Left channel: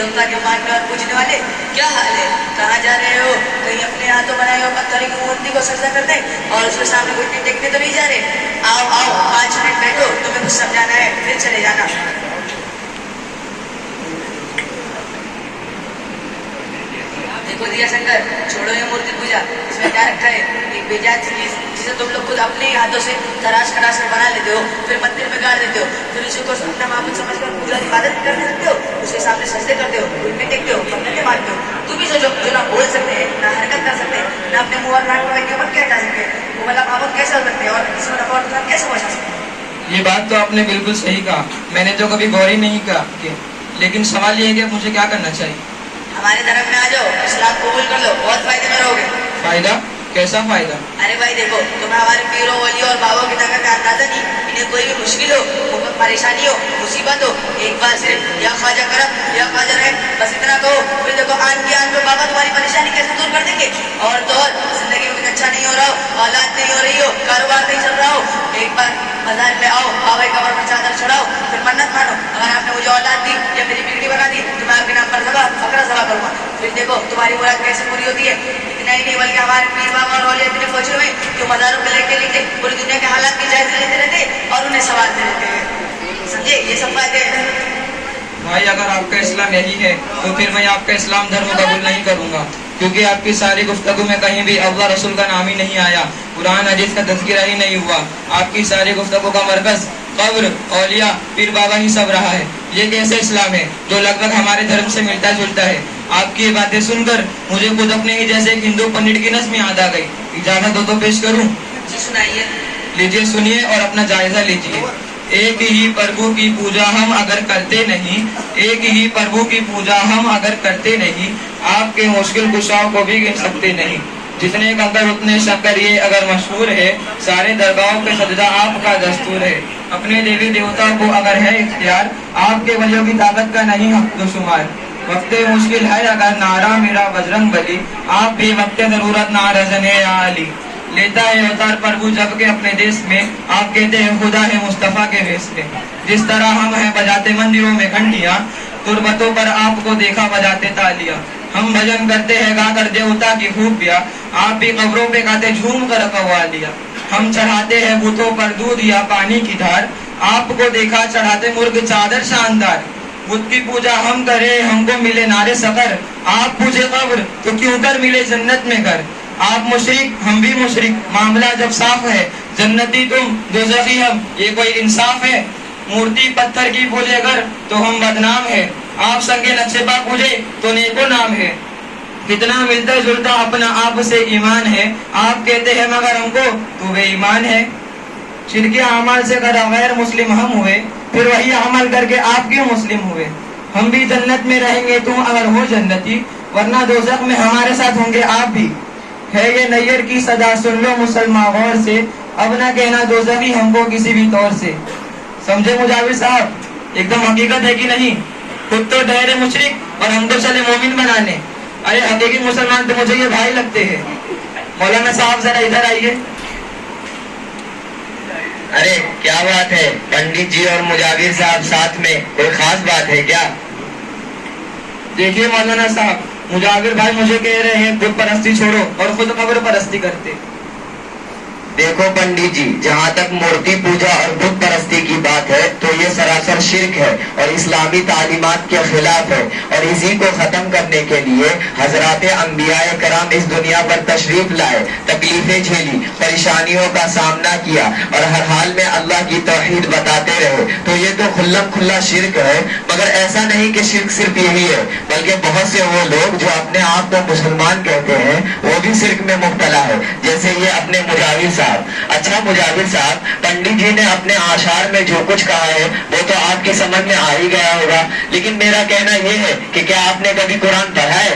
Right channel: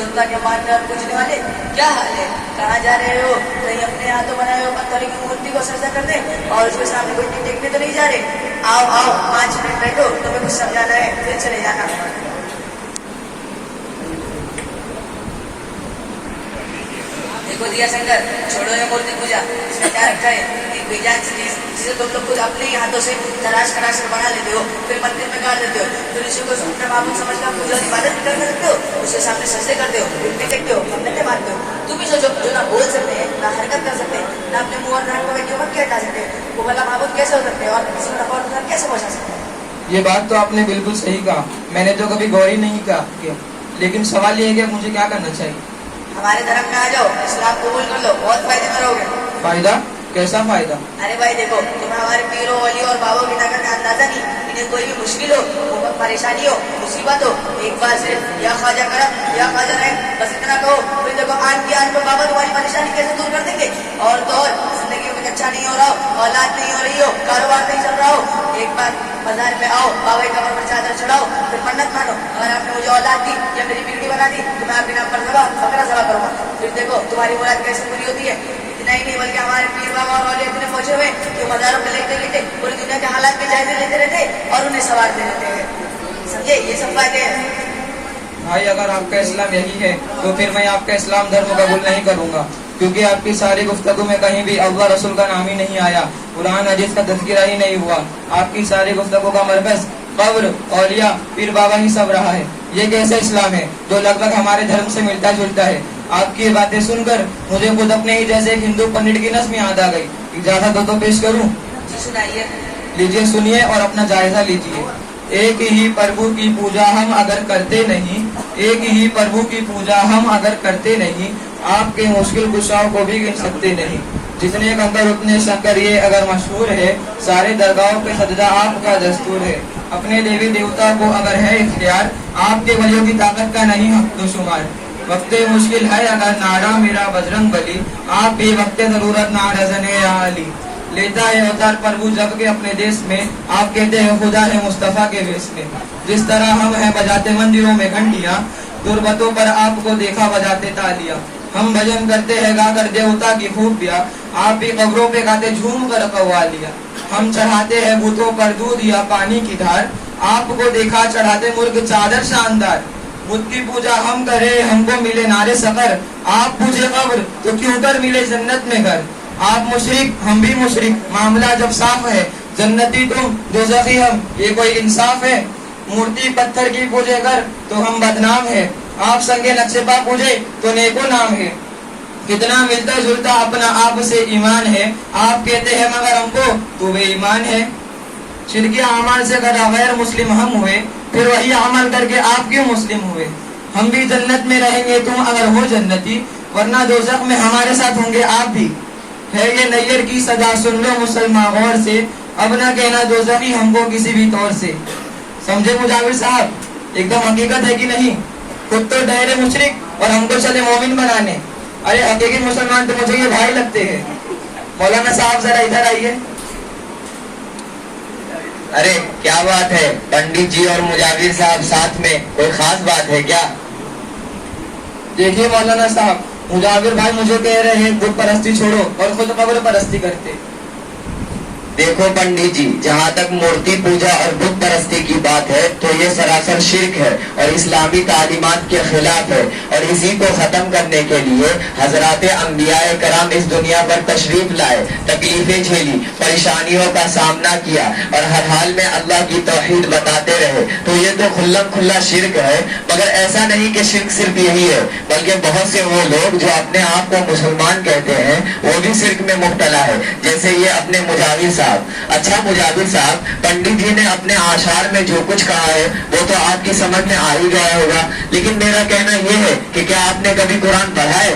اللہ کے ماننے اور پوجنے والے کیا حال ہے؟ کہاں جا رہے ہو؟ کہیں اپنے ہاتھوں بنائے ہو پتھر کی مورتی کو سجدہ کرنے اور اس کے سامنے گھٹنے ٹیکنے تو نہیں جا رہے؟ آؤ آؤ 5 منٹ بیٹھو، تمہیں کچھ سمجھانا ہے، پھر چلے جانا۔ دیکھو دیا شنکر، چھوڑو یہ مورتی پوجا، اس میں کیا رکھا ہے؟ ایک بے جان چیز جسے تم لوگ خود اپنے ہی ہاتھوں سے تراش کراش کر بنا لیتے ہو، پھر مندر میں گاڑ دیتے ہو، پھر اسی کو اپنا معبود سمجھ کر پوجا عبادت کرنے لگتے ہو، اس کے سامنے سجدے کرتے ہو، گھٹنے ٹیکتے ہو، منتیں مانتے ہو۔ تم ہی جو نہ بول سکتے ہیں، نہ حرکت کر سکتے ہیں، نہ اپنے منہ اور ناک پر کیوں مت ہٹا سکتے، وہ والا معبود کیسے ہو سکتے ہیں اور اس کو نفع اور نقصان کیسے پہنچا سکتے ہیں؟ یہ بات تو آپ نے بالکل صحیح کہا، میں نے تو کبھی غور ہی نہیں کیا، لیکن سوال یہ ہے کہ مجھے کیا کرنا چاہیے؟ ہمارے دھرم میں آ جاؤ، اسلام قبول کر لو، بہت فائدے میں رہو گے۔ فائدہ؟ کیسا فائدہ؟ ارے بھائی دیکھو، تمہیں ہمارے پیروں ولیوں اور بابوں کی طاقت کا اندازہ نہیں، انہیں کوئی بھی مشکل ہو، پریشانی ہو، مصیبت ہو، ایک بار صرف یا خواجہ کرم یا خواجہ رحم بس اتنا کہو، پھر دیکھو آن کی آن کو بابا تمہاری پریشانی کیسے دور کر دیں گے۔ اور تو اور زندگی میں کچھ اچھا نہیں ہو رہا ہو، اولاد نہیں ہو رہی ہو، کاروبار نہیں چل رہا ہو، ایک بار بازار پہ آؤ، بابا کی قبر پر چادر چڑھاؤ، پھر منت مانو، اگر آپ نے مجھے اولاد دی یا میری بیٹی بنا دی تو میں آپ کے نام پر فقرہ ذبح کروں گا، پھر دیکھو تمہاری مراد کیسے پوری ہوتی ہے۔ اتنا ہی نہیں بلکہ ہمارے پیر بابا اور اولیاء اتنے پہنچے ہوئے جو مزاروں پہ لیٹے لیٹے پوری دنیا کے حالات کے جائزے لیتے رہتے اور انہیں سوارتے رہتے ہیں، سمجھے؟ یہ سب فائدے ہیں۔ بھائی اگر آپ کا اسلام یہی ہے تو پھر میں آپ کا اسلام دھرم قبول نہیں کروں گا، کیونکہ آپ کی ساری گفتگو میں کہیں بھی اللہ رسول کا نام ہی نہیں آیا، قرآن حدیث کا تذکرہ ہی نہیں ہوا، آپ کی ساری گفتگو کا مرکز قبر، اولیاء، پیر بابا ہی سب رہا ہے۔ یہ کیسا اسلام ہے جو لگ بھگ ہمارے دھرم سے ملتا جلتا ہے؟ آپ کی یہ باتیں سن کر مجھے خود اپنے ہی جیسے ایک ہندو پنڈت کی نظم یاد آ گئی، اجازت ہو تو پیش کروں؟ جی سنائیے۔ لیجیے سنیے اور اپنا جائزہ لیجیے۔ ایک ہی پربھو کی پوجا ہم اگر کرتے نہیں، ایک ہی پربھو کی پوجا ہم اگر کرتے نہیں، آپ کے مشکل کشاؤں کو بھی گن سکتے نہیں، جتنے اندر اتنے شکر یہ اگر مشہور ہے، سارے درگاہوں پہ سجدہ آپ کا دستور ہے، اپنے دیوی دیوتا کو اگر ہے اختیار، آپ کے ولیوں کی طاقت کا نہیں حق و شمار، وقت مشکل ہے اگر نعرہ میرا بجرنگ بلی، آپ بھی وقت ضرورت نہ رزنے علی، لیتا ہے اوتار پربھو جب کے اپنے دیش میں، آپ کہتے ہیں خدا ہے مصطفیٰ کے ویس میں، جس طرح ہم ہیں بجاتے مندروں میں گھنٹیاں، تربتوں پر آپ کو دیکھا بجاتے تالیاں، ہم بھجن کرتے ہیں گا کر دیوتا کی خوبیاں، آپ بھی قبروں پہ گاتے جھوم کر قوالیاں، ہم چڑھاتے ہیں بتوں پر دودھ یا پانی کی دھار، آپ کو دیکھا چڑھاتے مرغ چادر شاندار، بت کی پوجا ہم کرے ہم کو ملے نارے سفر، آپ پوجے قبر تو کیوں کر ملے جنت میں گھر، آپ مشرک ہم بھی مشرک، معاملہ جب صاف ہے، جنتی تم دوزخی ہم، یہ کوئی انصاف ہے، مورتی پتھر کی پوجے گر تو ہم بدنام ہے، آپ سنگے نقشے پا پوجے تو نیکو نام ہے، کتنا ملتا جلتا اپنا آپ سے ایمان ہے، آپ کہتے ہیں مگر ہم کو تو بے ایمان ہے، شرکی اعمال سے کدا غیر مسلم ہم ہوئے، پھر وہی عمل کر کے آپ کیوں مسلم ہوئے، ہم بھی جنت میں رہیں گے تم اگر ہو جنتی، ورنہ دوزخ میں ہمارے ساتھ ہوں گے آپ بھی، ہے یہ نیر کی صدا سن لو مسلمان غور سے، اب نہ کہنا دوزخی ہم کو کسی بھی طور سے۔ سمجھے مجاور صاحب؟ ایک دم حقیقت ہے کہ نہیں؟ خود تو ڈہرے مشرک اور ہم کو چلے مومن بنانے، ارے حقیقی مسلمان تو مجھے یہ بھائی لگتے ہیں۔ مولانا صاحب ذرا ادھر آئیے۔ ارے کیا بات ہے پنڈت جی اور مجاور صاحب ساتھ میں، کوئی خاص بات ہے کیا؟ دیکھیے مولانا صاحب، مجاور بھائی مجھے کہہ رہے ہیں بت پرستی چھوڑو اور خود قبر پرستی کرتے۔ دیکھو پنڈت جی، جہاں تک مورتی پوجا اور بت پرستی کی بات ہے تو یہ سراسر شرک ہے اور اسلامی تعلیمات کے خلاف ہے، اور اسی کو ختم کرنے کے لیے حضرات انبیاء کرام اس دنیا پر تشریف لائے، تکلیفیں جھیلی، پریشانیوں کا سامنا کیا اور ہر حال میں اللہ کی توحید بتاتے رہے، تو یہ تو کھلم کھلا شرک ہے۔ مگر ایسا نہیں کہ شرک صرف یہی ہے، بلکہ بہت سے وہ لوگ جو اپنے آپ کو مسلمان کہتے ہیں وہ بھی شرک میں مبتلا ہے، جیسے یہ اپنے مجاور صاحب۔ اچھا مجاور صاحب، پنڈت جی نے اپنے آشار میں جو کچھ کہا ہے وہ تو آپ کی سمجھ میں آ ہی گیا ہوگا، لیکن میرا کہنا یہ ہے کہ کیا آپ نے کبھی قرآن پڑھا ہے؟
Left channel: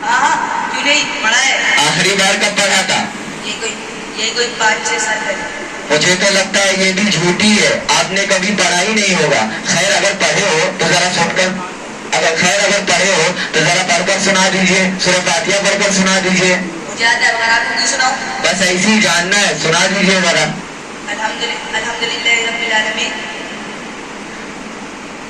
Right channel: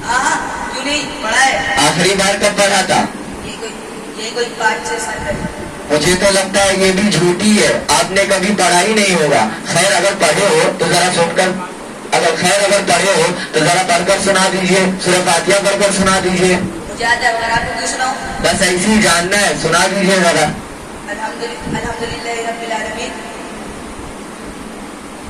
کیوں نہیں پڑھا ہے؟ آخری بار کب پڑھا تھا؟ یہ کوئی 5-6 سال پہلے۔ مجھے تو لگتا ہے یہ بھی جھوٹی ہے، آپ نے کبھی پڑھا ہی نہیں ہوگا۔ خیر اگر پڑھے ہو تو ذرا سن کر، اگر پڑھے ہو تو ذرا پڑھ کر سنا دیجیے، سورہ فاتحہ پڑھ کر سنا دیجیے۔ مجھے آتا ہے، اگر آپ کو سناؤں؟ بس ایسے ہی جاننا ہے، سنا دیجیے ذرا۔ الحمدللہ رب العالمین